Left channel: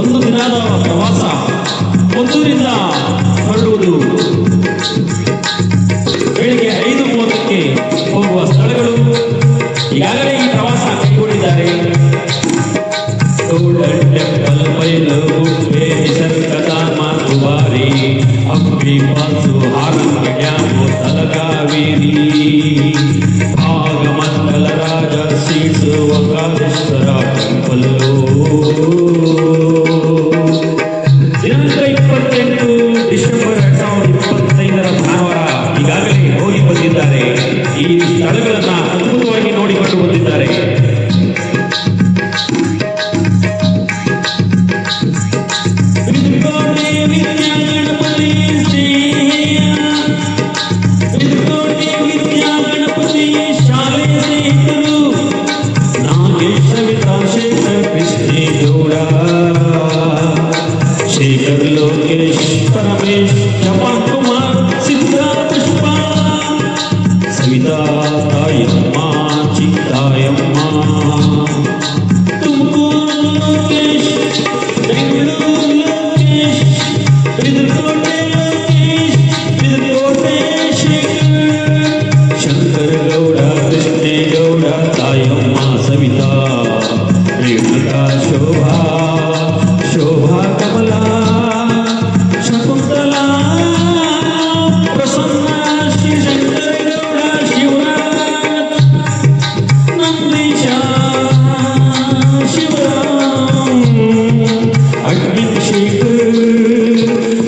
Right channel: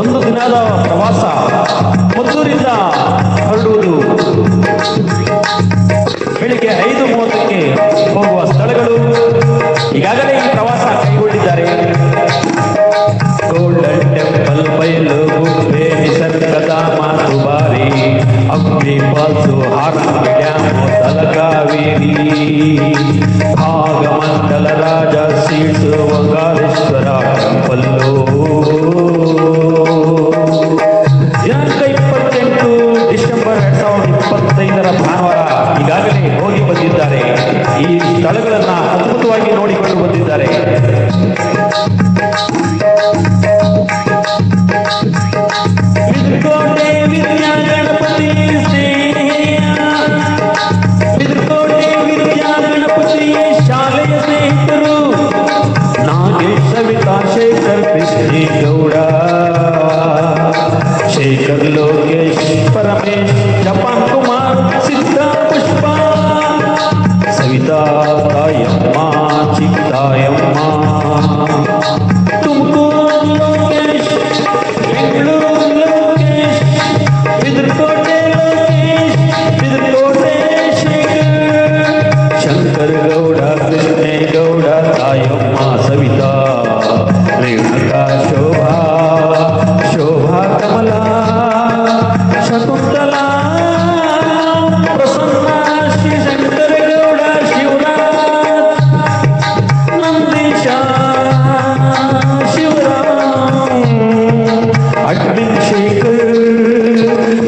ಒಂದು ದಿನದ ಪ್ರವಾಸ ಮದ್ದೂರಿಂದ ಹೊರಡುವುದು. ಬೆಳಿಗ್ಗೆ 5:30ಕ್ಕೆ ಹೋಗುವ ಸ್ಥಳಗಳು ಈಗಾಗಲೇ ಈ ಪ್ರವಾಸ ಕೈಗೊಂಡಿದ್ದಾರೆ. ಗೋಲ್ಡನ್ ಟೆಂಪಲ್, ಬಯಲು ಗುಡ್ಡೆ, ನಿಸರ್ಗಧಾಮ ದುಬಾರಿ, ಹಂಪಿ ಫಾಲ್ಸು, ಹಾರಂಗಿ ಡ್ಯಾಮು, ತಲಕಾವೇರಿ, ಭಾಗಮಂಡಲ ರಾಜ ಸೀಟು, ಓಂಕಾರೇಶ್ವರ ಟೆಂಪಲ್ಲು. ದಿನಾಂಕ 28 ಡಿಸೆಂಬರ್ 2025 ಭಾನುವಾರ ಈಗಾಗಲೇ ಹೋಗಿ ಬಂದಿದ್ದಾರೆ. ಈ ಸ್ಥಳಗಳನ್ನು ಅದ್ಭುತವಾಗಿ ನೋಡಿಕೊಂಡು ಬಂದಿದ್ದಾರೆ. शेखर लोकेश परमेश जपान कुमार सिद्धा पुष्प सविता तायम्मा चित्तायम्मा तुमकूर लोकेश बेंगलूर लोकेश इधरकोटे शेखर शंकर गौड़ कृष्णे गौड़ तायम्मा सविता रेणुका शोभा शोभा कमला शकुंतला प्रसन्न श्री शंकर गौड़ शिवराज नंदीश शिवराम अग्निशेखर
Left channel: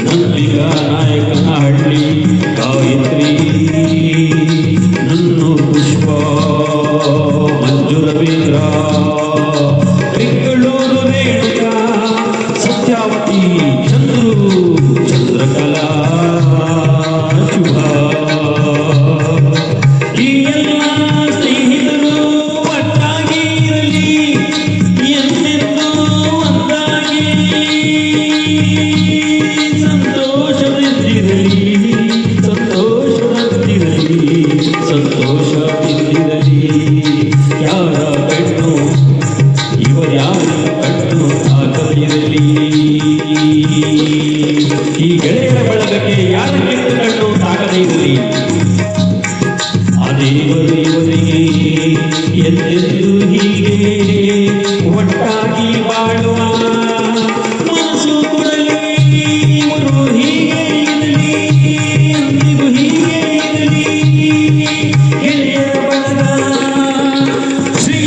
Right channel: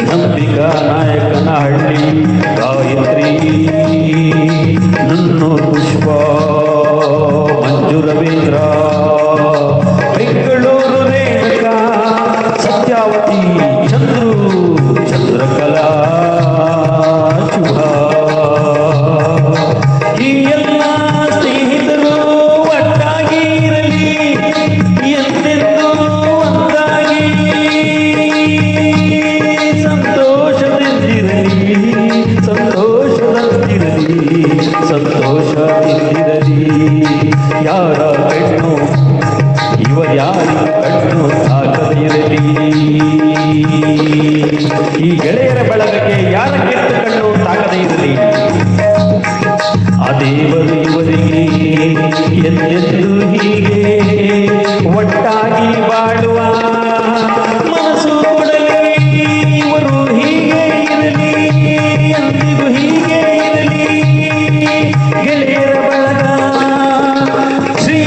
नंदिका नायकनहಳ್ಳಿ गायत्री नन्नूर पुष्प मंजू रवींद्र ಬೆಂಗಳೂರು ರೇಣುಕಾ ಸತ್ಯಾವತಿ ಚಂದ್ರು ಚಂದ್ರಕಲಾ ಶುಭ. ಈ ಎಲ್ಲ ಸ್ನೇಹಿತರು ಒಟ್ಟಾಗಿ ಇರಲಿ, ಎಂದೆಂದೂ ಒಂದಾಗಿ ಸಂತೋಷದಿಂದಿರಲಿ, ಸಂತೋಷದಿಂದಿರಲಿ, ಸಂತೋಷದಿಂದಿರಲಿ. ಯಾರ ಹೆಣ್ಣು ಇವರ್ಯಾರು ಕಣ್ಣು ತಾಕದಿರಲಿ. ಈ ಗೆಳೆಯರ ಬಳಗಕ್ಕೆ ಯಾರಕ್ಕಿಂತ ಕಣ್ಣು ತಾಕದೇ ಇರಲಿ. ಆ ದೇವರು ಇವರಿಗೆ ಎಂದೆಂದು ಹೀಗೆ ಒಟ್ಟಾಗಿ ಬಾಳುವ ಮನಸ್ಸು ಕೊಡಲಿ. ಇವರು ಹೀಗೆ ಇರಲಿ, ಎಂದಿಗೂ ಹೀಗೆ ಇರಲಿ. ಗೆಳೆಯರ ಬಳಗ ಶ್ರೀ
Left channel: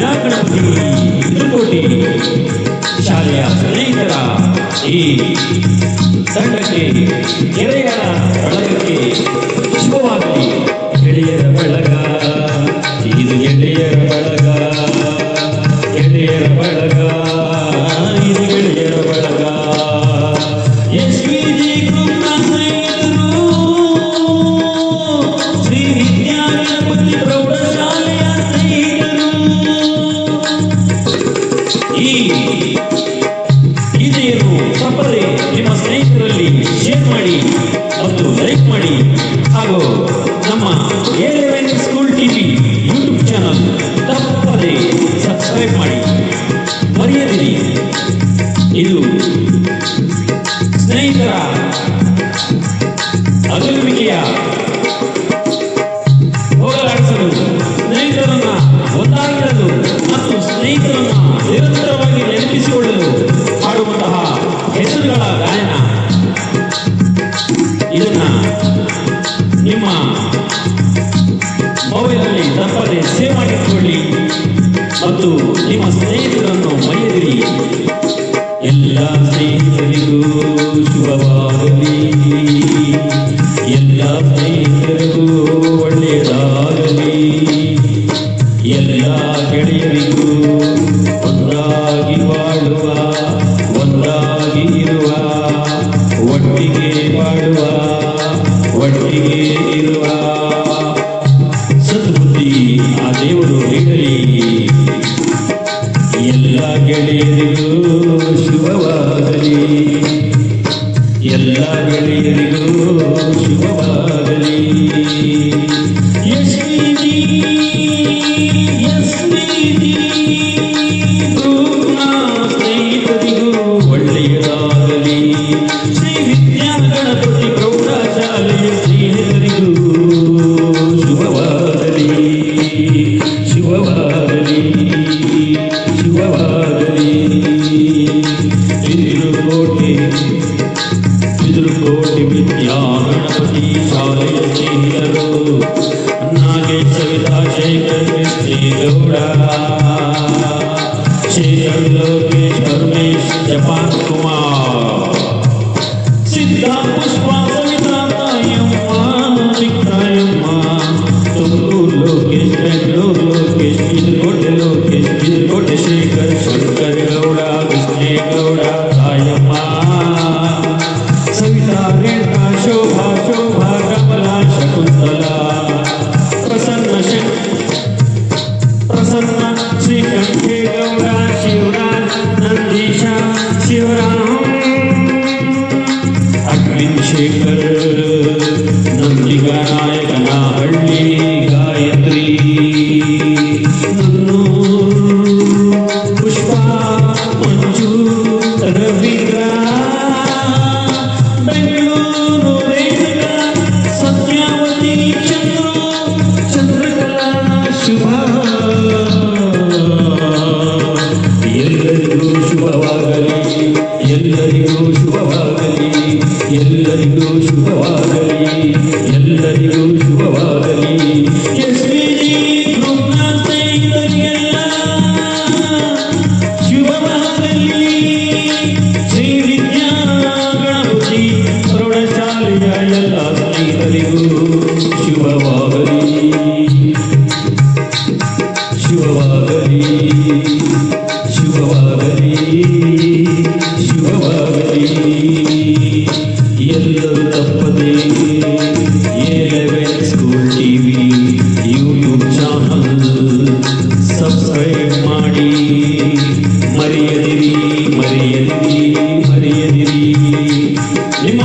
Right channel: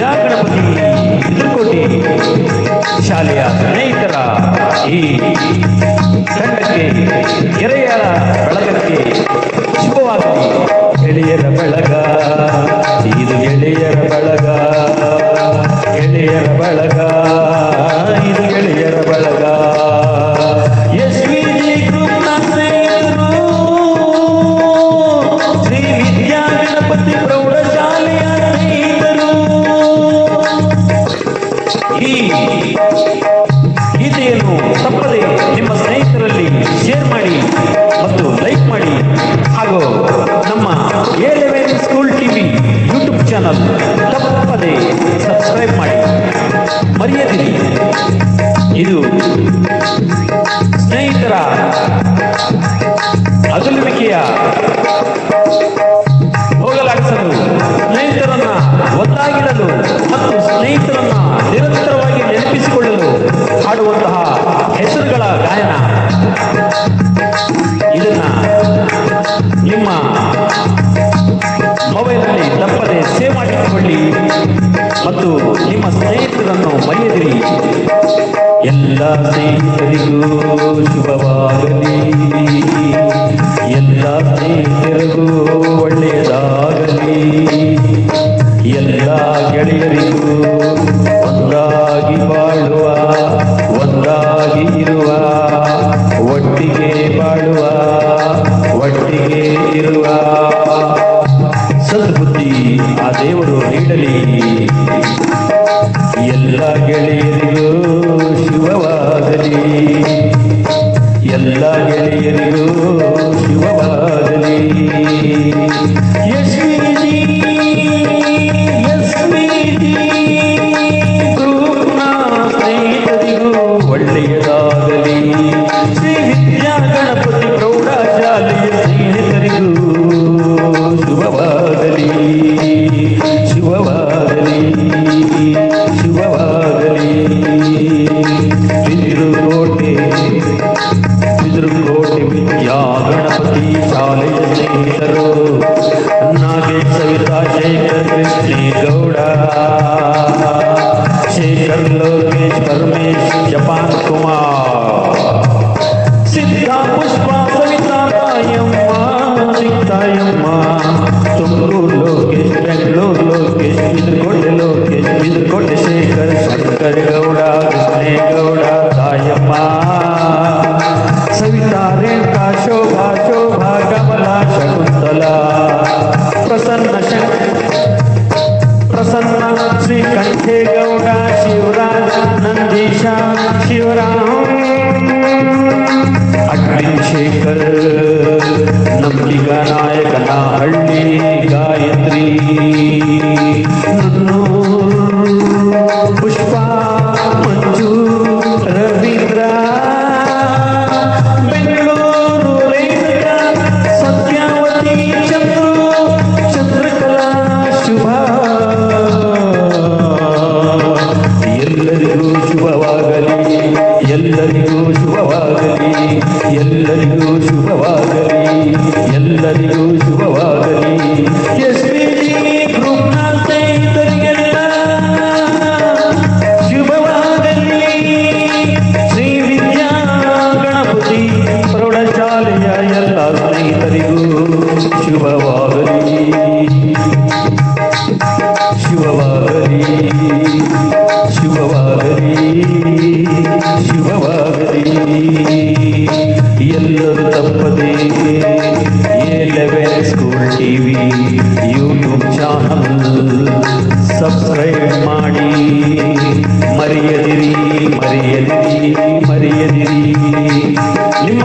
ಗಣಪತಿ ತಿರುಕೋಟಿ ಶಾಲೆಯ ಸ್ನೇಹಿತರ ಈ ಸಂಘಕ್ಕೆ ಗೆಳೆಯರ ಬಳಗಕ್ಕೆ ಶುಭವಾಗಿ ಗೆಳೆಯರ ಬಳಗ, ಇದು ಗೆಳೆಯರ ಬಳಗ, ಗೆಳೆಯರ ಬಳಗ, ಇದು ಗೆಳೆಯರ ಬಳಗ. SVG ಗ್ರೂಪ್ನ ಸ್ನೇಹಿತರು ಶ್ರೀ ವಿದ್ಯಾ ಗಣಪತಿ ಪ್ರೌಢಶಾಲೆಯ ಸ್ನೇಹಿತರು ಇದೆಯನ್ನು ತಪ್ಪದೆ ನಿಮ್ಮ ಸ್ನೇಹಿತರಲ್ಲಿ ಶೇರ್ ಮಾಡಿ ಮತ್ತು ಲೈಕ್ ಮಾಡಿ. ಹಾಗೂ ನಮ್ಮ ಏಳನೇ ಸ್ಕೂಲ್ ಟಿವಿ ಯೂಟ್ಯೂಬ್ ಚಾನಲ್ ತಪ್ಪದೆ ಸಬ್ಸ್ಕ್ರೈಬ್ ಮಾಡಿ, ಮರೆಯದಿರಿ. ಇದು ಸ್ನೇಹಿತರ ಅಗಲುವಿಕೆಯ ಹೋಗಲಾಡಿಸಲು, ಸ್ನೇಹಿತರನ್ನ ಒಂದಾಗಿರಲು ಮತ್ತು ಸ್ನೇಹಿತರನ್ನ ನಿರಂತರವಾಗಿ ನೆನಪಿಸಿಕೊಳ್ಳಲು ಹಾಡುವಂತಹ ಹೆಸರುಗಳ ಗಾಯನ. ಇದನ್ನ ನಿಮ್ಮ ಮೊಬೈಲ್ನಲ್ಲಿ ತಪ್ಪದೆ ಸೇವ್ ಮಾಡಿಕೊಳ್ಳಿ ಮತ್ತು ನಿಮ್ಮ ಸ್ನೇಹಿತರನ್ನು ಮರೆಯದಿರಿ. ಎಲ್ಲ ಸ್ನೇಹಿತರಿಗೂ ಶುಭವಾಗಲಿ, ಎಲ್ಲ ಸ್ನೇಹಿತರಿಗೂ ಒಳ್ಳೆಯದಾಗಲಿ, ಎಲ್ಲ ಗೆಳೆಯರಿಗೂ ಒಂದಾಗಿ ಬಾಳುವ, ಒಂದಾಗಿ ಇರುವ, ಒಟ್ಟಿಗೆ ಬಾಳುವ, ಒಟ್ಟಿಗೆ ಇರುವ ಸದ್ಬುದ್ಧಿ ಆ ದೇವರು ನೀಡಲಿ. ಎಲ್ಲ ಗೆಳೆಯರಿಗೂ ಶುಭವಾಗಲಿ, ಎಲ್ಲ ಗೆಳೆಯರಿಗೂ ಶುಭವಾಗಲಿ. SVG शेखर लोकेश परमेश जपान कुमार सिद्धा पुष्पा सविता चित्तायम्मा तुमकूर लोकेश बेंगलोर लोकेश इधरकोटे शेखर शंकर गौड़ कृष्णेगौड़ तायम्मा सविता रेखा शोभा कमला शकुंतला प्रसन्न श्रीकंठे गौड़ शिवराम नंदीशा शिवराम अग्नि शेखर नंदिगा नायक नाहಳ್ಳಿ गायत्री पुष्पा मंजू रवींद्र बेंगलूರು ರೇಣುಕಾ ಸತ್ಯಾವತಿ ಚಂದ್ರಕಲಾ ಶುಭಾ ಎಲ್ಲರಿಗೂ ಶುಭವಾಗಲಿ ಎಲ್ಲರಿಗೂ ಶುಭವಾಗಲಿ ಎಲ್ಲರಿಗೂ ಶುಭವಾಗಲಿ ಎಲ್ಲರಿಗೂ ಶುಭವಾಗಲಿ ಎಸ್ಪಿಜಿ ಗ್ರೂಪ್ನ ಸ್ನೇಹಿತರಿಗೆಲ್ಲ ಶುಭವಾಗಲಿ ಶ್ರೀ ವಿದ್ಯಾ ಗಣಪತಿ ಪ್ರೌಢಶಾಲೆಯ ಎಲ್ಲ ಸ್ನೇಹಿತರಿಗೂ ಶುಭವಾಗಲಿ ಶುಭವಾಗಲಿ ಶುಭವಾಗಲಿ ಶುಭವಾಗಲಿ ಎಲ್ಲರೂ ತಪ್ಪದೆ A11 school TV YouTube channel subscribe ಮಾಡಿ ಮರೆಯದಿರಿ ನಿಮ್ಮ